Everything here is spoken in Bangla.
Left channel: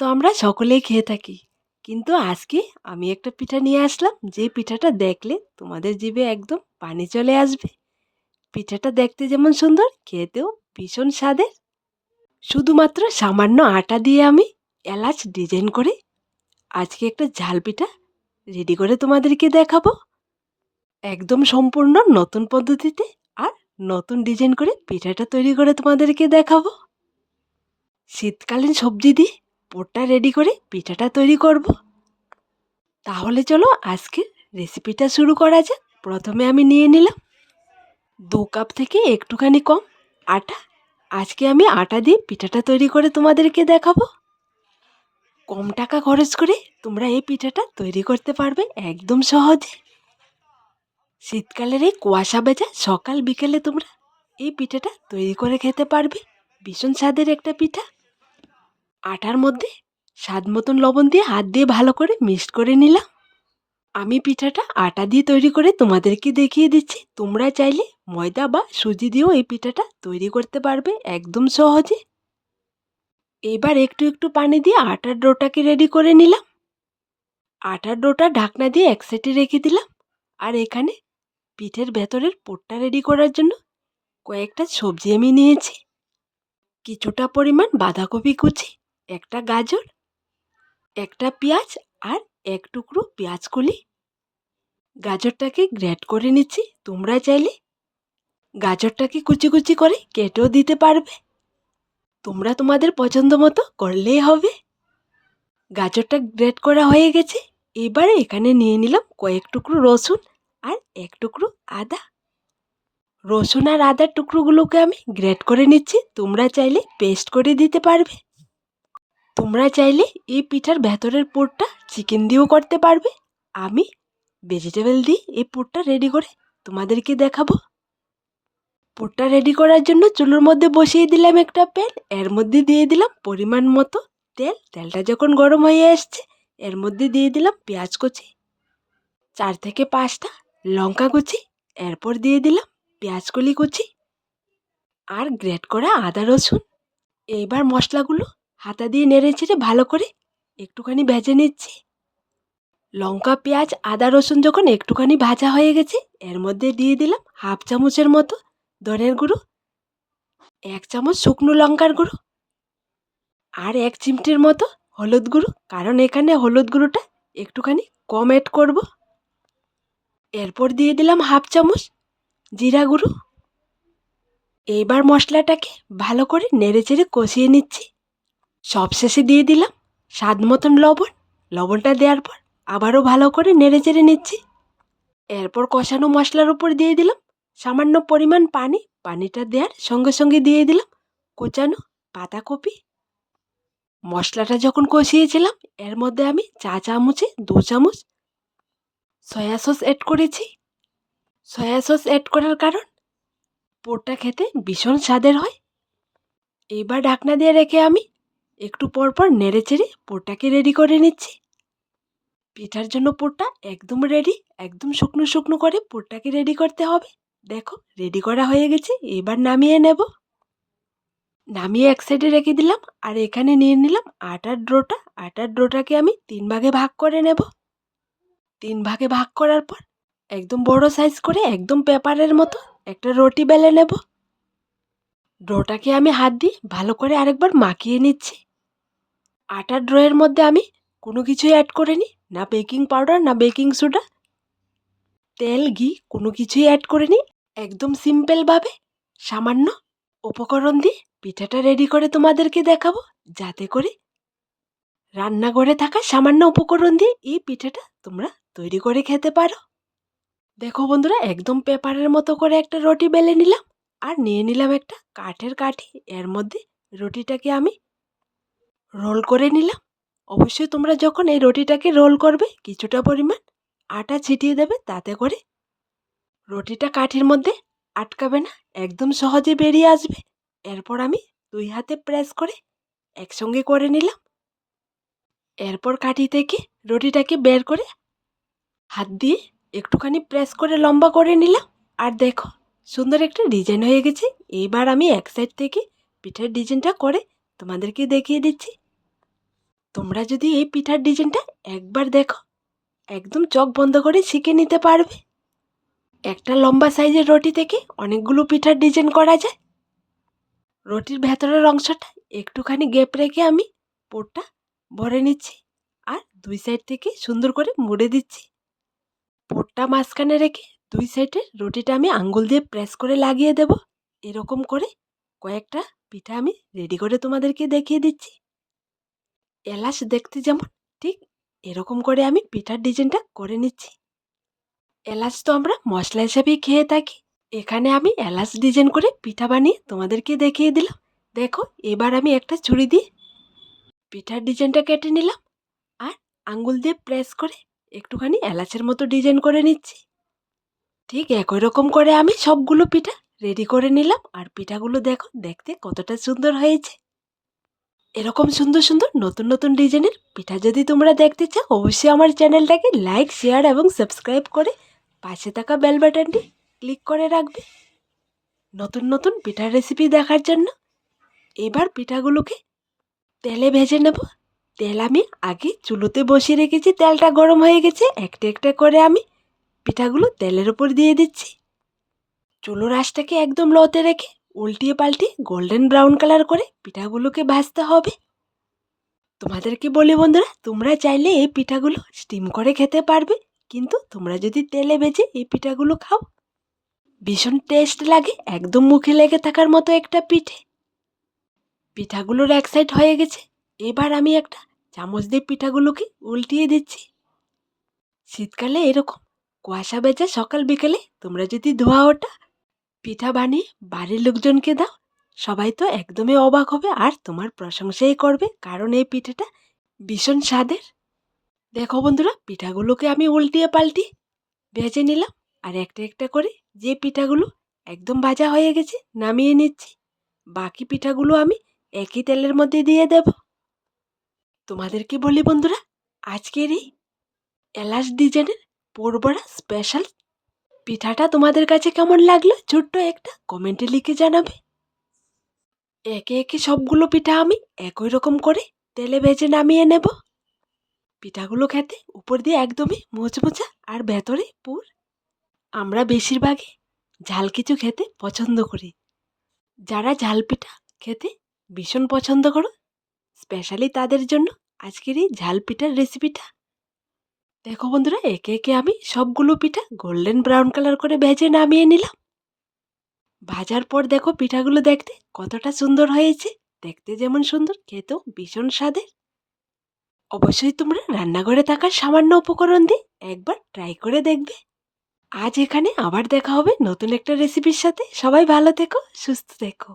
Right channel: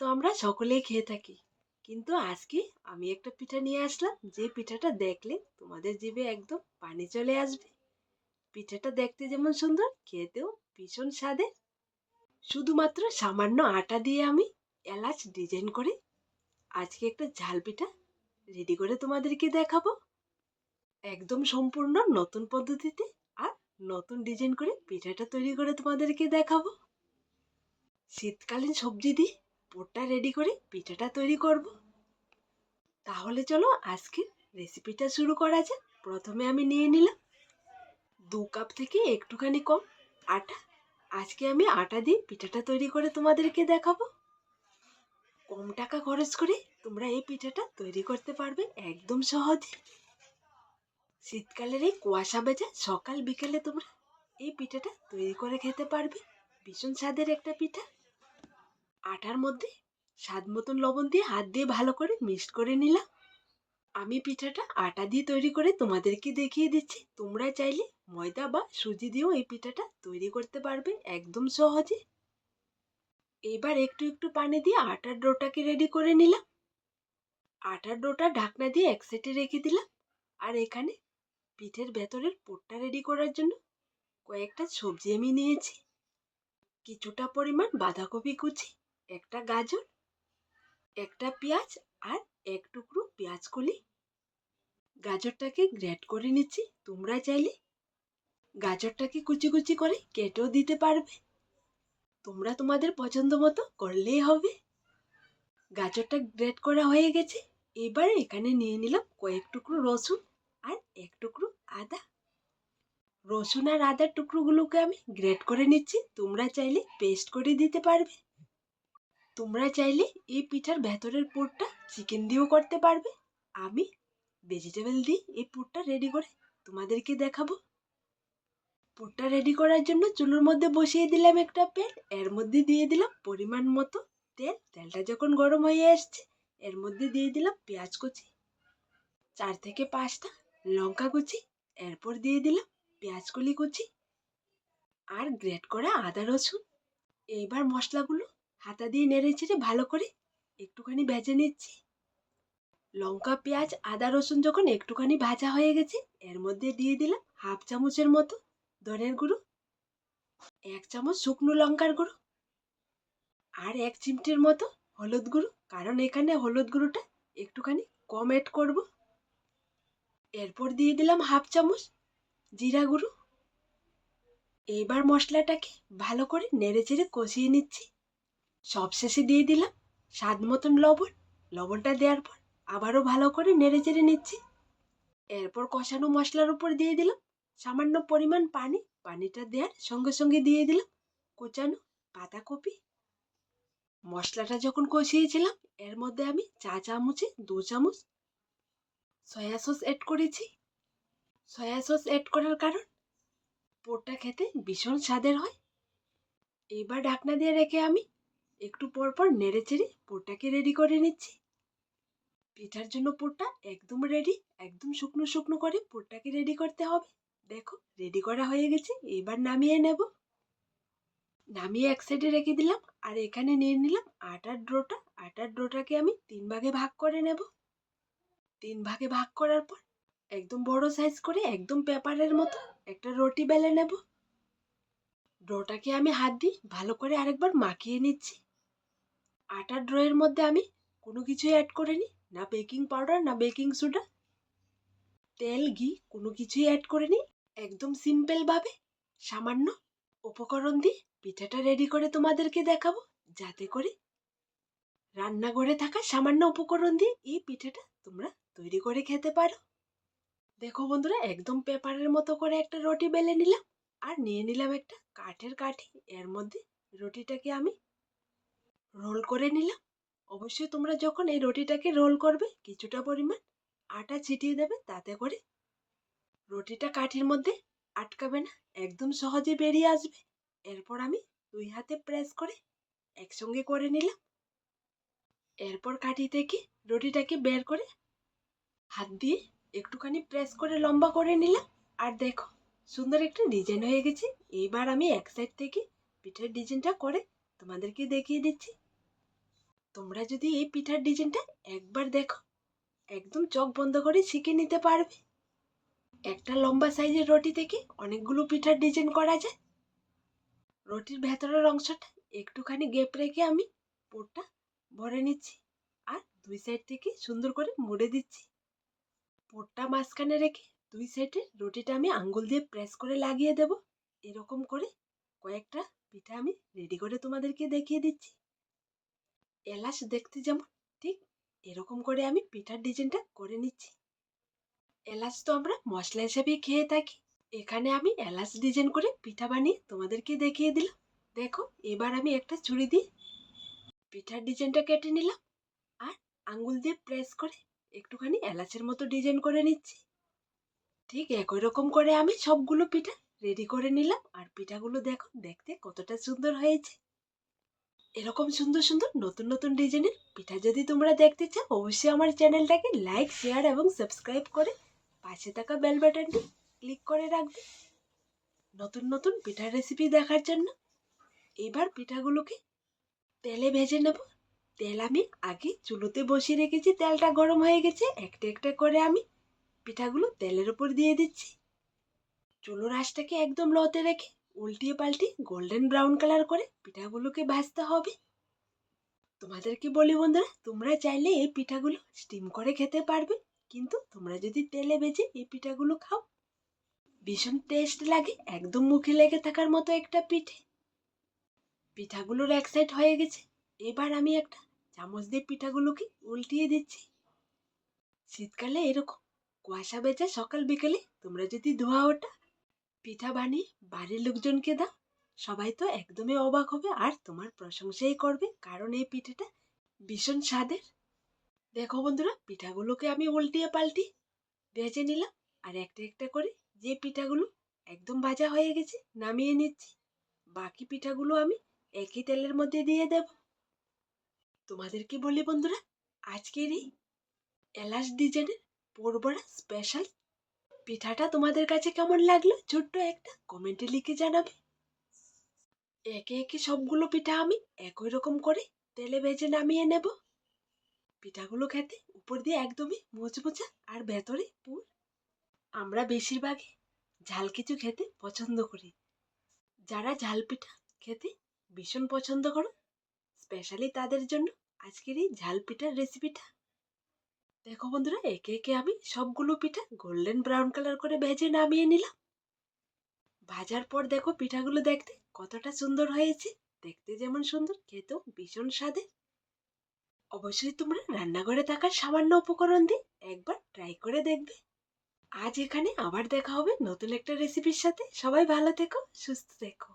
তো আমরা সকলেই খেয়ে থাকি। কিন্তু আজকে আমি একটা পিঠা নিয়ে আসলাম, যে পিঠাটা দেখলে তোমাদের জিভে একদম পানি চলে আসবে। পিঠাটা দেখতে যেমন সুন্দর, খেতেও ভীষণ স্বাদের। শুধুমাত্র সামান্য আটা দিয়ে আমি এলাচ ডিজাইন করে আজকে একটা ঝাল পিঠা রেডি করে তোমাদেরকে দেখাবো। একদম সম্পূর্ণ নতুন পদ্ধতিতে আর নতুন ডিজাইন করে পিঠাটা তৈরি করে তোমাদেরকে দেখাবো। শীতকালীন সবজি দিয়ে পোরটা রেডি করে পিঠাটা তৈরি করব। তাহলে চলো আজকে রেসিপিটা শুরু করা যাক। প্রথমে আমি নিয়ে নিলাম দু কাপ থেকে একটুখানি কম আটা। আজকে আমি আটা দিয়ে পিঠাটা তৈরি করে তোমাদেরকে দেখাবো। কম টাকা খরচ করে তোমরা এই পিঠাটা তৈরি করতে পারবে একদম সহজে। শীতকালের এই কুয়াশা ভেজা সকাল বিকেলে তোমরা এই পিঠাটা তৈরি করে খেতে পারবে। ভীষণ স্বাদের একটা পিঠা। আটার মধ্যে স্বাদ মতন লবণ দিয়ে হাত দিয়ে ভালো করে মিক্সড করে নিলাম। আমি পিঠাটা আটা দিয়ে তৈরি করে তোমাদেরকে দেখিয়ে দিচ্ছি। তোমরা চাইলে ময়দা বা সুজি দিয়েও এই পিঠাটা তৈরি করতে পারবে একদম সহজে। এবার একটু একটু পানি দিয়ে আটার ডোটাকে রেডি করে নিলাম। আটার ডোটা ঢাকনা দিয়ে এক সাইডে রেখে দিলাম। আর এখানে পিঠের ভেতরের পোটটা রেডি করার জন্য কয়েকটা সবজি আমি নিয়েছি। কিছুটা পরিমাণ বাঁধাকপি কুচি একটা গাজর, একটা পেঁয়াজ আর এক টুকরো পেঁয়াজ কলি। গাজরটাকে গ্রেট করে নিচ্ছি, তোমরা চাইলে। গাজরটাকে কুচি কুচি করে কেটেও দিতে পারবে। তোমরা তোমাদের পছন্দ মতো করলেই হবে। গাজরটা গ্রেট করা হয়ে গেছে। এবারে এখানে নিয়ে নিলাম কয়েক টুকরো রসুন আর এক টুকরো আদা। রসুন আর আদার টুকরোগুলোকে আমি গ্রেট করে নিচ্ছি, তোমরা চাইলে পেস্ট করে দিতে পারবে। তোমরা চাইলে এই পিঠার ভেতরের পুরটা চিকেন দিয়েও করতে পারবে। আমি ভেজিটেবল দিয়ে এই পুরটা রেডি করে তোমাদেরকে দেখাবো। পুরটা রেডি করার জন্য চুলোর মধ্যে বসিয়ে দিলাম একটা প্যান এর মধ্যে দিয়ে দিলাম পরিমাণ মতো তেল। তেলটা যখন গরম হয়ে আসছে, এর মধ্যে দিয়ে দিলাম পেঁয়াজ কুচি, চার থেকে পাঁচটা লঙ্কা কুচি, এরপর দিয়ে দিলাম পেঁয়াজ কলি কুচি আর গ্রেট করা আদা রসুন। এইবার মশলাগুলো হাতা দিয়ে নেড়ে চেড়ে ভালো করে একটুখানি ভেজে নিচ্ছি। লঙ্কা, পেঁয়াজ, আদা, রসুন যখন একটুখানি ভাজা হয়ে গেছে, এর মধ্যে দিয়ে দিলাম হাফ চামচের মতো ধনের গুঁড়ো, এক চামচ শুকনো লঙ্কার গুঁড়ো আর এক চিমটির মতো হলুদ গুঁড়ো। কারণ এখানে হলুদ গুঁড়োটা একটুখানি কম অ্যাড করব। এরপর দিয়ে দিলাম হাফ চামচ জিরা গুঁড়ো। এইবার মশলাটাকে ভালো করে নেড়ে চেড়ে কষিয়ে নিচ্ছি। সবশেষে দিয়ে দিলাম স্বাদ মতন লবণ। লবণটা দেওয়ার পর আবারও ভালো করে নেড়ে চেড়ে নিচ্ছি। এরপর কষানো মশলার উপর দিয়ে দিলাম সামান্য পরিমাণ পানি। পানিটা দেওয়ার সঙ্গে সঙ্গে দিয়ে দিলাম কোচানো পাতাকপি। মশলাটা যখন কষিয়েছিলাম, এর মধ্যে আমি চা চামচে দু চামচ সয়া সস অ্যাড করেছি। সয়া সস অ্যাড করার কারণ পোরটা খেতে ভীষণ স্বাদের হয়। এইবার ঢাকনা দিয়ে রেখে আমি একটু পর পর নেড়ে চেড়ে পোরটাকে রেডি করে নিচ্ছি। পিঠার জন্য পোরটা একদম রেডি একদম শুকনো শুকনো করে পোরটাকে রেডি করতে হবে। দেখো রেডি করা হয়ে গেছে, এবার নামিয়ে নেব। নামিয়ে এক সাইডে রেখে দিলাম, আর এখানে নিয়ে নিলাম আটার ড্রোটা আটার ড্রোটাকে আমি তিন ভাগে ভাগ করে নেব। তিন ভাগে ভাগ করার পর একদম বড় সাইজ করে একদম পেপারের মতো একটা রুটি বেলে নেব। ডোটাকে আমি হাত দিয়ে ভালো করে আরেকবার মাখিয়ে নিচ্ছি। আটার ড্রয়ের মধ্যে আমি কোনো কিছুই অ্যাড করিনি, না বেকিং পাউডার না বেকিং সোডা তেল, ঘি, কোনো কিছুই অ্যাড করিনি। একদম সিম্পলভাবে সামান্য উপকরণ দিয়ে পিঠাটা রেডি করে তোমাদেরকে দেখাবো, যাতে করে রান্নাঘরে থাকা সামান্য উপকরণ দিয়ে এই পিঠাটা তোমরা তৈরি করে খেতে পারো। দেখো বন্ধুরা, একদম পেপারের মতো করে একটা রুটি বেলে নিলাম, আর নিয়ে নিলাম একটা কাঠের কাঠি। এর মধ্যে রুটিটাকে আমি রোল করে নিলাম। অবশ্যই তোমরা যখন এই রুটিটাকে রোল করবে, কিছুটা পরিমাণ আটা ছিটিয়ে দেবে, তাতে করে রুটিটা কাঠির মধ্যে আটকাবে না, একদম সহজে বেরিয়ে আসবে। এরপর আমি দুই হাতে প্রেস করে একসঙ্গে করে নিলাম। এরপর কাঠি থেকে রুটিটাকে বের করে হাত দিয়ে একটুখানি প্রেস করে লম্বা করে নিলাম। আর দেখো, সুন্দর একটা ডিজাইন হয়ে গেছে। এইবার আমি এক সাইড থেকে পিঠের ডিজাইনটা করে তোমাদেরকে দেখিয়ে দিচ্ছি। তোমরা যদি এই পিঠার ডিজাইনটা একবার দেখো, একদম চোখ বন্ধ করে শিখে নিতে পারবে। একটা লম্বা সাইজের রুটি থেকে অনেকগুলো পিঠার ডিজাইন করা যায়। রুটির ভেতরের অংশটা একটুখানি গ্যাপ রেখে আমি পোরটা ভরে নিচ্ছি আর দুই সাইড থেকে সুন্দর করে মুড়ে দিচ্ছি। পোরটা মাঝখানে রেখে দুই সাইডে রুটিটা আমি আঙ্গুল দিয়ে প্রেস করে লাগিয়ে দেব। এরকম করে কয়েকটা পিঠা আমি রেডি করে তোমাদেরকে দেখিয়ে দিচ্ছি। এলাচ দেখতে যেমন ঠিক এরকম করে আমি পিঠার ডিজাইনটা করে নিচ্ছি। এলাচ তো আমরা মশলা হিসাবেই খেয়ে থাকি। এখানে আমি এলাচ ডিজাইন করে পিঠা বানিয়ে তোমাদেরকে দেখিয়ে দিলাম। দেখো, এবার আমি একটা ছুরি দিয়ে পিঠার ডিজাইনটা কেটে নিলাম আর আঙ্গুল দিয়ে প্রেস করে একটুখানি এলাচের মতো ডিজাইন করে নিচ্ছি। ঠিক একই রকম করে আমি সবগুলো পিঠা রেডি করে নিলাম আর পিঠাগুলো দেখো দেখতে কতটা সুন্দর হয়েছে। এরকম সুন্দর সুন্দর নতুন নতুন ডিজাইনের পিঠা যদি তোমরা দেখতে চাও, অবশ্যই আমার চ্যানেলটাকে লাইক শেয়ার এবং সাবস্ক্রাইব করে পাশে থাকা বেল বাটনটি ক্লিক করে রাখবে। নতুন নতুন পিঠার রেসিপি দেখার জন্য এবার পিঠাগুলোকে তেলে ভেজে নেব। তেল আমি আগে চুলোতে বসিয়ে রেখেছি, তেলটা গরম হয়ে গেছে। একটা একটা করে আমি পিঠাগুলো তেলের উপর দিয়ে দিচ্ছি। চুলোর আঁচটাকে একদম লোতে রেখে উল্টিয়ে পাল্টিয়ে গোল্ডেন ব্রাউন কালার করে পিঠাগুলোকে ভাজতে হবে। তোমাদেরকে বলি বন্ধুরা, তোমরা চাইলে এই পিঠাগুলো স্টিম করে খেতে পারবে, কিন্তু তোমরা যদি তেলে ভেজে এই পিঠাগুলো খাও, ভীষণ টেস্ট লাগে, একদম মুখে লেগে থাকার মতো একটা পিঠে। পিঠাগুলোর এক সাইড হয়ে গেছে, এবার আমি একটা চামচ দিয়ে পিঠাগুলোকে উল্টিয়ে দিচ্ছি। শীতকালে এরকম কুয়াশা বেজা সকাল বিকেলে তোমরা যদি ধোয়া ওটা পিঠা বানিয়ে বাড়ির লোকজনকে দাও। সবাই তো একদমই অবাক হবে আর তোমার প্রশংসাই করবে, কারণ এই পিঠাটা ভীষণ স্বাদের। দেখো বন্ধুরা, পিঠাগুলোকে আমি উল্টিয়ে পাল্টি ভেজে নিলাম আর একটা একটা করে যে পিঠাগুলো একদম ভাজা হয়ে গেছে নামিয়ে নিচ্ছি। বাকি পিঠাগুলো আমি একই তেলের মধ্যে দিয়ে দেব। তোমাদেরকে বলি বন্ধুরা, আজকের এই এলাচ ডিজাইনের পোরবড়া স্পেশাল পিঠাটা তোমাদের কাছে কেমন লাগল? ছোট্ট একটা কমেন্টে লিখে জানাবে। একে একে সবগুলো পিঠা আমি একই রকম করে তেলে ভেজে নামিয়ে নেব। পিঠাগুলো খেতে উপর দিয়ে একদমই মুচমুচা আর ভেতরে পুর। আমরা বেশিরভাগই ঝাল কিছু খেতে পছন্দ করি। যারা ঝাল পিঠা খেতে ভীষণ পছন্দ করো স্পেশালি তাদের জন্য আজকের এই ঝাল পিঠার রেসিপিটা দেখো বন্ধুরা, একে একে আমি সবগুলো পিঠা গোল্ডেন ব্রাউন কালার করে ভেজে নামিয়ে নিলাম। ভাজার পর দেখো পিঠাগুলো দেখতে কতটা সুন্দর হয়েছে। দেখতে যেমন সুন্দর, খেতেও ভীষণ স্বাদের। অবশ্যই তোমরা রান্নাঘরে থাকা সামান্য উপকরণ দিয়ে একবার ট্রাই করে দেখবে। আজ এখানে আবার দেখা হবে নতুন একটা রেসিপির সাথে। সবাই ভালো থেকো, সুস্থ থেকো।